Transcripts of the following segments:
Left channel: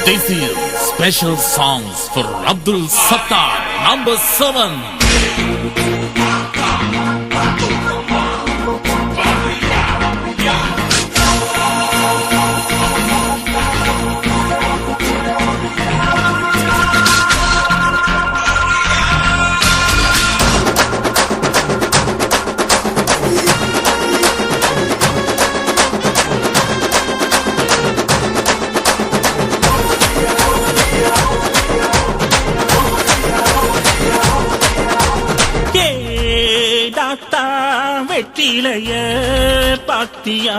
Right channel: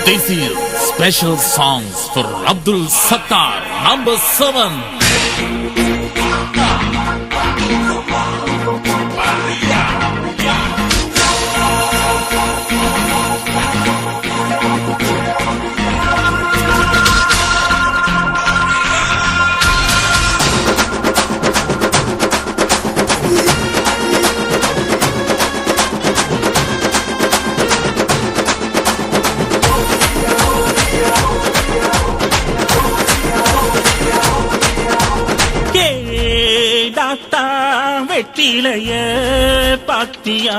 This is special songs for Abdul Sattar number 7. பார்த்தா வெற்றிலைய பாத்தியா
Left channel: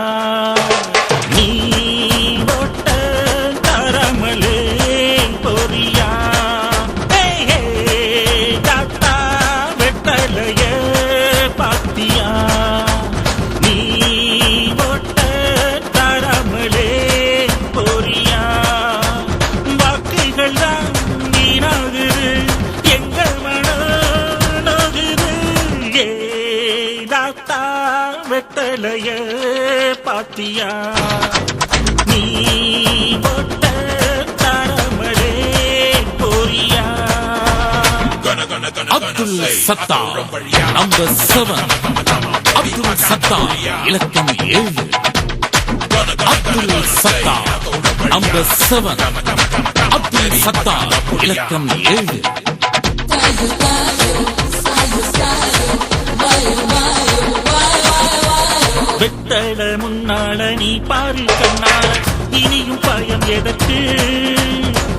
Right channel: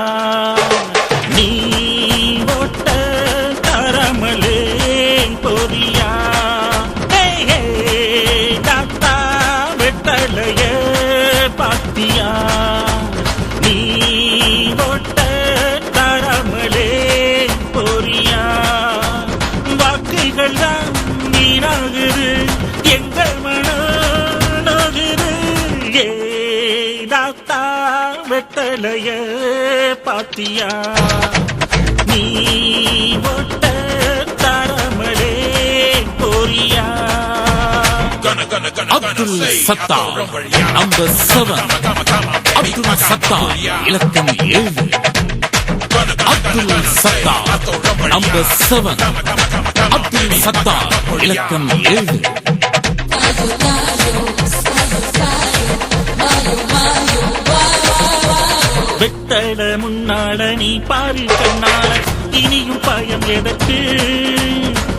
வெத்தலைய பாத்தியா? நீ ஒட்ட தரமலே பொரியா அப்துல் சத்தா நம்பர் செவன் அப்துல் சத்தா இலக்கம் ஏழு. அப்துல் சத்தா நம்பர் செவன் அப்துல் சத்தா இலக்கம் ஏழு. வெத்தட முன்னாட நீ பாரு கண்ணால. இனியும் பயம் எதற்கு?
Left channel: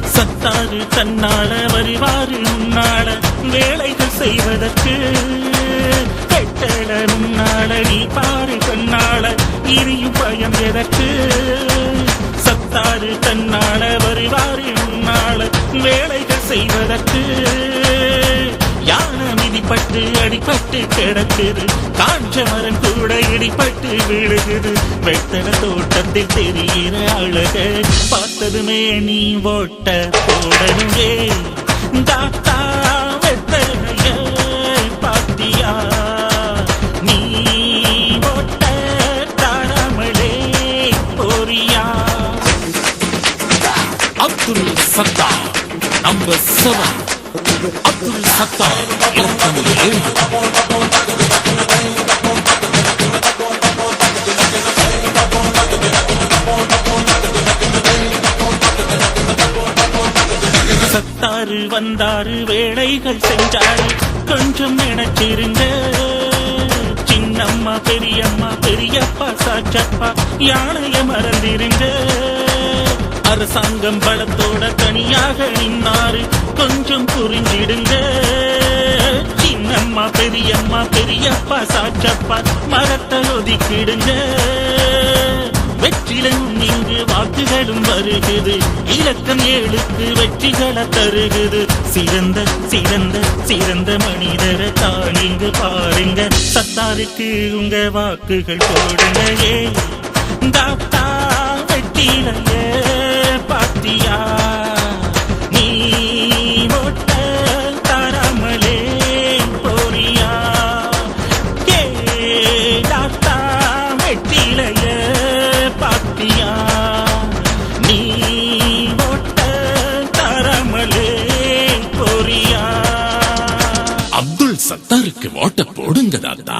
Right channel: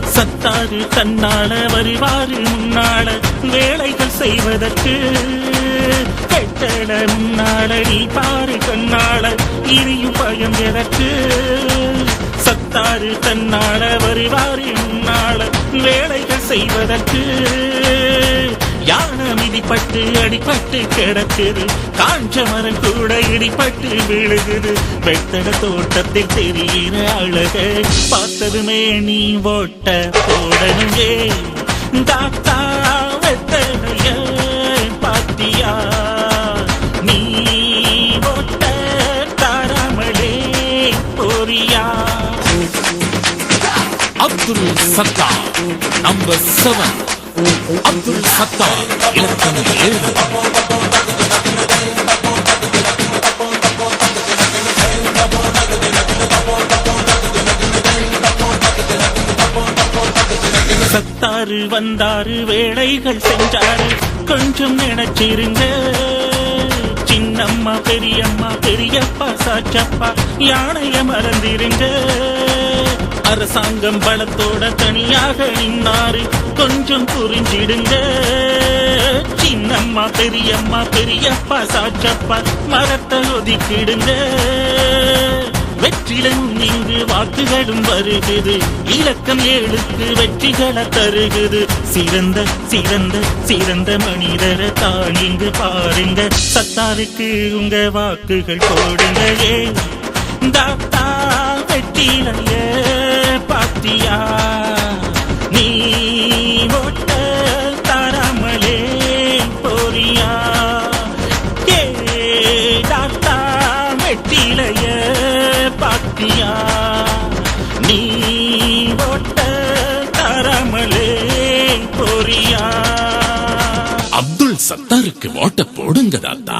சத்தாறு தன்னால வருவாறு முன்னாள வேலைகள் செய்வதற்கு. கட்டட முன்னாள நீ பாரு கண்ணால. இனியும் பயம் எதற்கு? சத்தாறு தன்னால வருவாறு முன்னால. வேலைகள் செய்வதற்கு. இடிப்பட்டு அடிப்பட்டு கிடக்குது. காஞ்ச மரம் கூட இடிப்பட்டு விழுகுது. வெத்தட தோட்டத்தில் தெரிகிற அழக பார்த்ததுமே நீ ஓட்ட போடணுமே. தாத்தா வெத்தனைய பாத்தியா? நீ ஓட்ட தாராமலே போரியா அப்துல் சத்தா நம்பர் செவன் அப்துல் சத்தார் இலக்கம் ஏழு. சத்தாரு வந்தாரு வேலைகள் செஞ்சாரு. கொஞ்சம் நினைச்சிருங்க. சின்னம்மா பெரியம்மா பெரியப்பா சாச்சப்பா யானைய மறந்திருங்க. அரசாங்கம் பலத்தோட தனியாக நின்னாரு. கொஞ்சம் புரிஞ்சிடுங்க. சின்னம்மா பெரியம்மா பெரியப்பா சாச்சப்பா மரத்தை ஒதுக்கிடுங்க. வெற்றிலும் இங்கு வாக்குகளும் வருகுது. இலக்கம் ஏழுக்கு வெற்றிகளை தருகுது. சிறந்த சிறந்த சிறந்த மனிதரை தான் இங்கு பாருங்க. சத்தாருக்கு உங்க வாக்குகள் போடுங்க. ஏ தாத்தா வெற்றிலைய பாத்தியா? நீ ஓட்ட தராமலே போறியா? கேடாத்தா டாக்டா பாத்தியா? நீ ஓட்ட தரமலே பொரியா அப்துல் சத்தாருக்கு ஓட்ட போடுங்க தாத்தா.